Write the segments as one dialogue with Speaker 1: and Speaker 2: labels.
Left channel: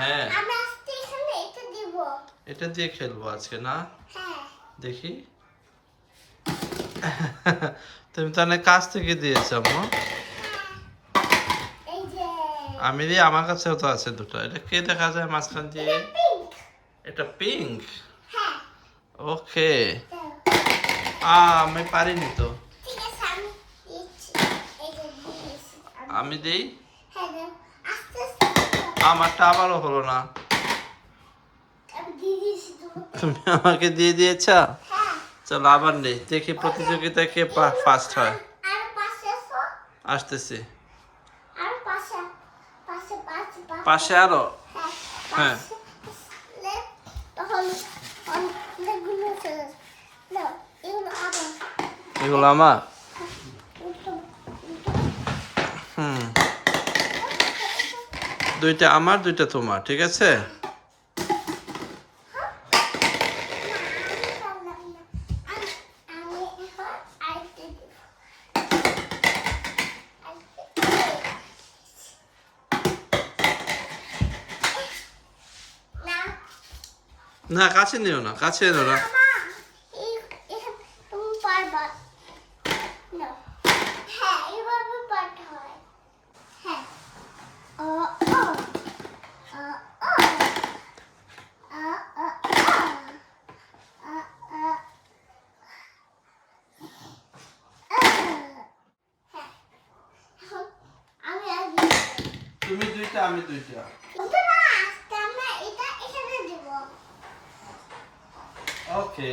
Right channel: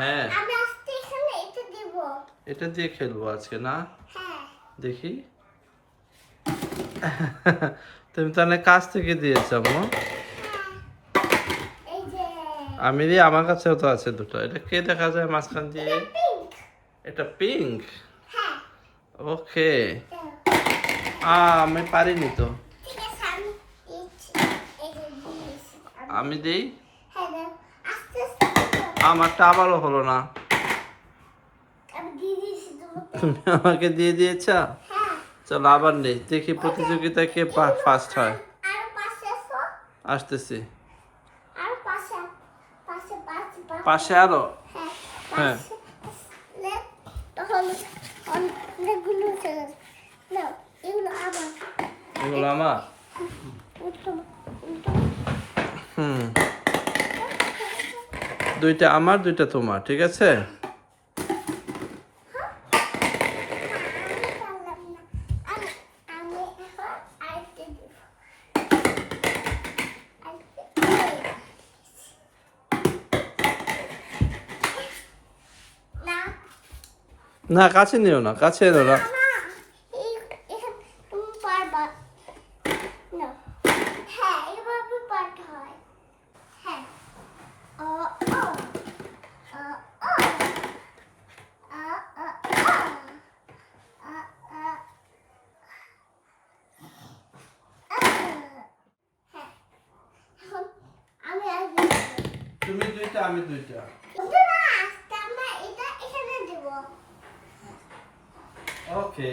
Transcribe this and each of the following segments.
Speaker 1: হ্যাঁ।
Speaker 2: আমি আজকে এখানে এটা দিব।
Speaker 1: এটা দিয়ে খেলব আজকে না?
Speaker 2: হ্যাঁ।
Speaker 1: দেখি। তুমি তাহলে কাছ থেকে দিয়েছ আম্মু? আমি দিয়ে আমার কাছেও তো আছে দুটো। এটা কে দেখা যায় মাঝখান দিয়ে? এটা পিঙ্ক
Speaker 2: হ্যাঁ।
Speaker 1: ওকে। আমি পারিনি তো।
Speaker 2: আমি
Speaker 1: দিই? আমারটা আবারও হলো না। তুমি আমাকে দিয়ে দিয়েছ?
Speaker 2: হ্যাঁ।
Speaker 1: চলো আবার নেই। দেখি প্রতিযোগিতায় কে ফার্স্ট হয়। আসতেছি।
Speaker 2: পাশে।
Speaker 1: আরও?
Speaker 2: হ্যাঁ
Speaker 1: হ্যাঁ।
Speaker 2: এগুলো
Speaker 1: আমার? দুইটা আমার দুইটা তোমার ঠিক আছে?
Speaker 2: না
Speaker 1: কাছে নিও না কাছে এনো না
Speaker 2: না এই- এখান তুমি পারবা না হ্যাঁ এভাবে পারতে হয় হ্যাঁ ও ও ও ও আ আ আ আ আ হ্যাঁ এখন আমি আগে
Speaker 1: তুমি দুইটা আমি দুইটা। ওকে।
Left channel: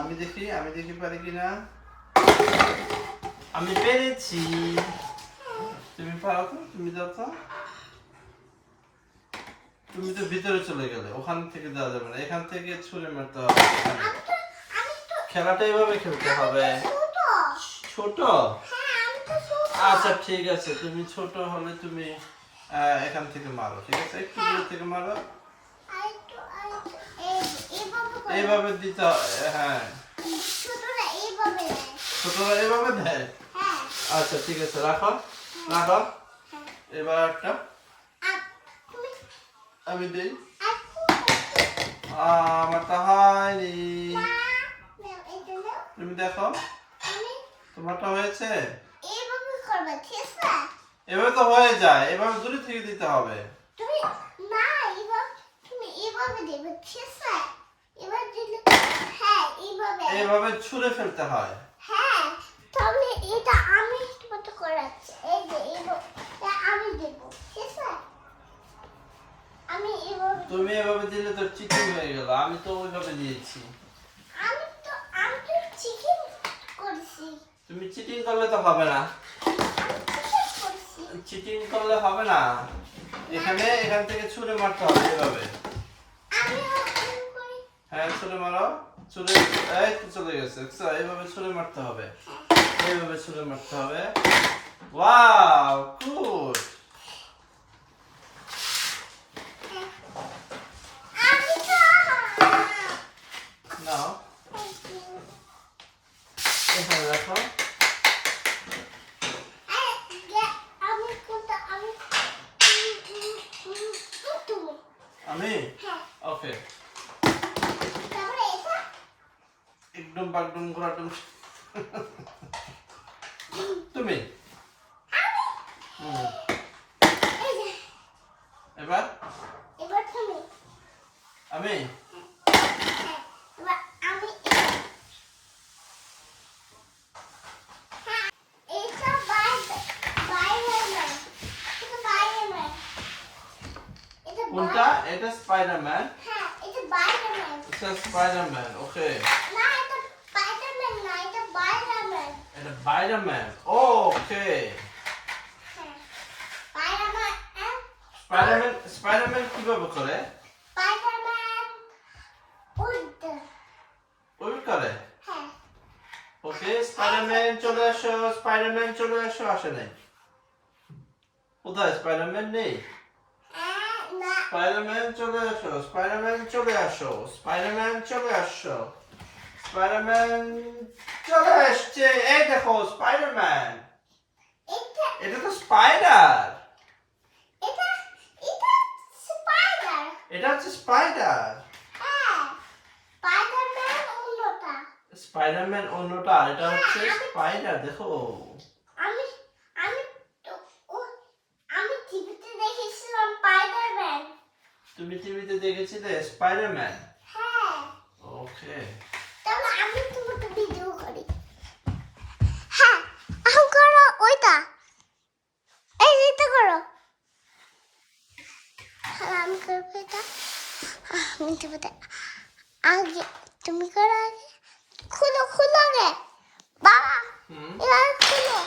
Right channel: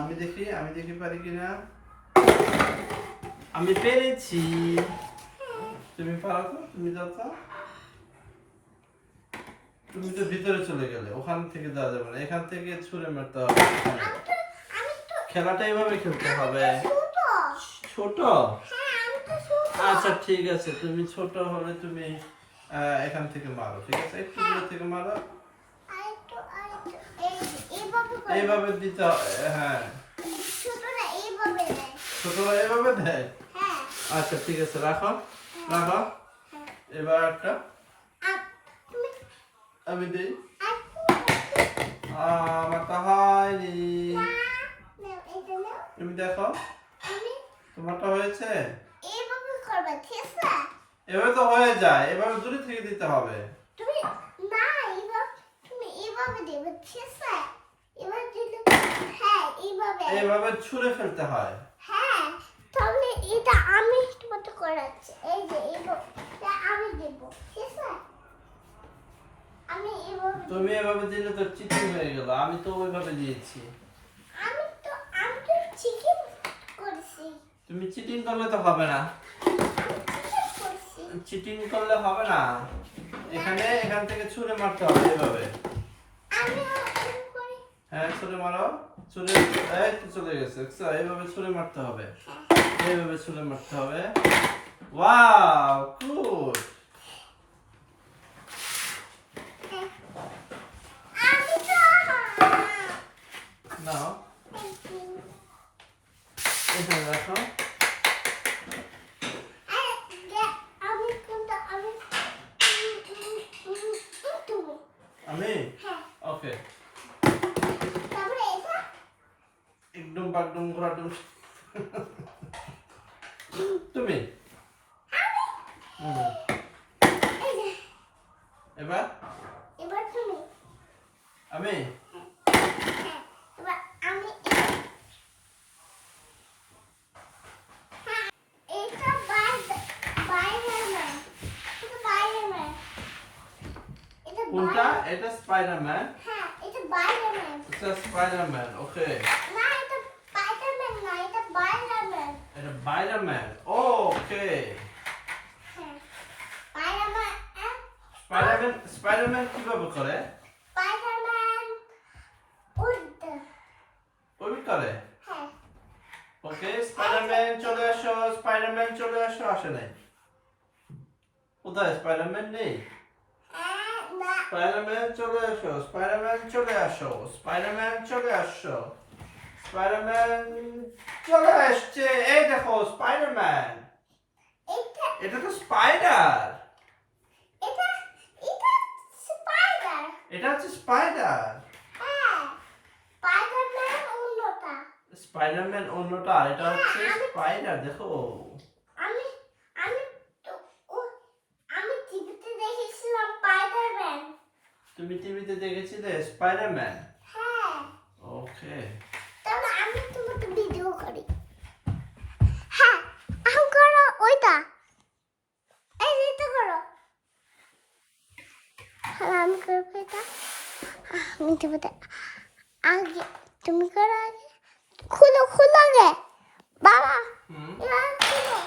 Speaker 1: আমি দেখি আমি দেখি পারি কিনা। আমি পেরেছি। তুমি পারো তো? তুমি যাও তো। তুমি তো ভিতরে চলে গেলে ওখান থেকে দেওয়া যাবে না। এখান থেকে ছুঁড়ে মারতে হবে। খেলাটা এইভাবে খেলতে হবে।
Speaker 2: ছোট।
Speaker 1: আচ্ছা ঠিক আছে। তুমি ছোট হলে তুমি এখান থেকে মারো, ঠিক আছে? একটু দূর থেকে মারো।
Speaker 2: এইভাবে
Speaker 1: দিতে হ্যাঁ।
Speaker 2: ছোটরা এইভাবে
Speaker 1: দেয়? আচ্ছা ঠিক আছে, রাখো। রাখো। এবার একটা আমি দিই। আমার তো হয়নি। তুমি দেখো। তোমারটা হয়েছে?
Speaker 2: করবে ঠিক আছে?
Speaker 1: এভাবে তো হয়ে যায় এভাবে দূরে থেকে দিতে হবে।
Speaker 2: তুমি না এইভাবে তুমি এইভাবে দেবে ঠিক আছে? এবার দিলে হ্যাঁ এইভাবে
Speaker 1: এইভাবে ছুঁড়ে ফেলতে হয়।
Speaker 2: হ্যাঁ তাহলে এটা আমি তোমাকে করাচ্ছি। এই যে এইভাবে আমি দেব ঠিক আছে? আমি
Speaker 1: তুমি এভাবে দিলে তো চিকেন হয়ে গেল আমি তো ওইভাবে দিয়েছি।
Speaker 2: আমি তো আমি তো চিকেন করছি।
Speaker 1: তুমি চিটিং করলে তো হবে না। চিটিং করলে হবে না। এখানে এখান থেকে ছুঁড়ে মারতে হবে এভাবে। হ্যাঁ ছুঁড়ে মারো। ছুঁড়ে এই তো চলে গেছে? এইভাবে ছুঁড়ে মারতে হবে। এইভাবে ছুঁড়ে মারতে হবে। Wow good. নাও। এখানে রাখো
Speaker 2: আমি কোনটা আমি তুমি
Speaker 1: আমি
Speaker 2: হ্যাঁ
Speaker 1: ওকে
Speaker 2: তারপরে এটা
Speaker 1: একদম বাগডুম ঘোরাডুম তুমি? এবার?
Speaker 2: এবার তুমি।
Speaker 1: আমি? কোনটা? এটা স্পাইডারম্যান
Speaker 2: হ্যাঁ এটা বাইরে না
Speaker 1: এটা স্পাইডারম্যান ওকে।
Speaker 2: না এটা স্পাইডারম্যান না এটা বাইরেম্যান
Speaker 1: এটা স্পাইডারম্যান ওকে
Speaker 2: হ্যাঁ বাইরেম্যান
Speaker 1: স্পাইডারম্যান স্পাইডারম্যান কীভাবে করে
Speaker 2: স্পাইডারম্যান উড়তে
Speaker 1: ওই করে
Speaker 2: হ্যাঁ
Speaker 1: ওকে স্পাইডারম্যান চলে আসো স্পাইডারম্যান চলে আসো আসে নাই কোথায় স্পাইডারম্যান নেই
Speaker 2: আহ, না
Speaker 1: স্পাইডারম্যান চলে আসো স্পাইডারম্যান চলে আসো স্পাইডারম্যান চলে আসো স্পাইডারম্যান চলে আসছে এই দেখো স্পাইডারম্যান
Speaker 2: এটা
Speaker 1: তো স্পাইডার
Speaker 2: এটা
Speaker 1: হচ্ছে
Speaker 2: স্পাইডার স্পাইডারম্যান অন্যটা
Speaker 1: আর এটা হচ্ছে স্পাইডার দেখো
Speaker 2: আমি আমি আমি টিভিতে দেখেছিলাম স্পাইডারম্যান
Speaker 1: তুমি টিভিতে দেখেছিলে স্পাইডারম্যান
Speaker 2: হ্যাঁ
Speaker 1: ওকে
Speaker 2: কোনটা এই যেটা করো। হ্যাঁ, আমি করব এটা। আমি দেবো আগে তুমি করো আগে। খুলো খুলো রে বাবা এবার খুলো।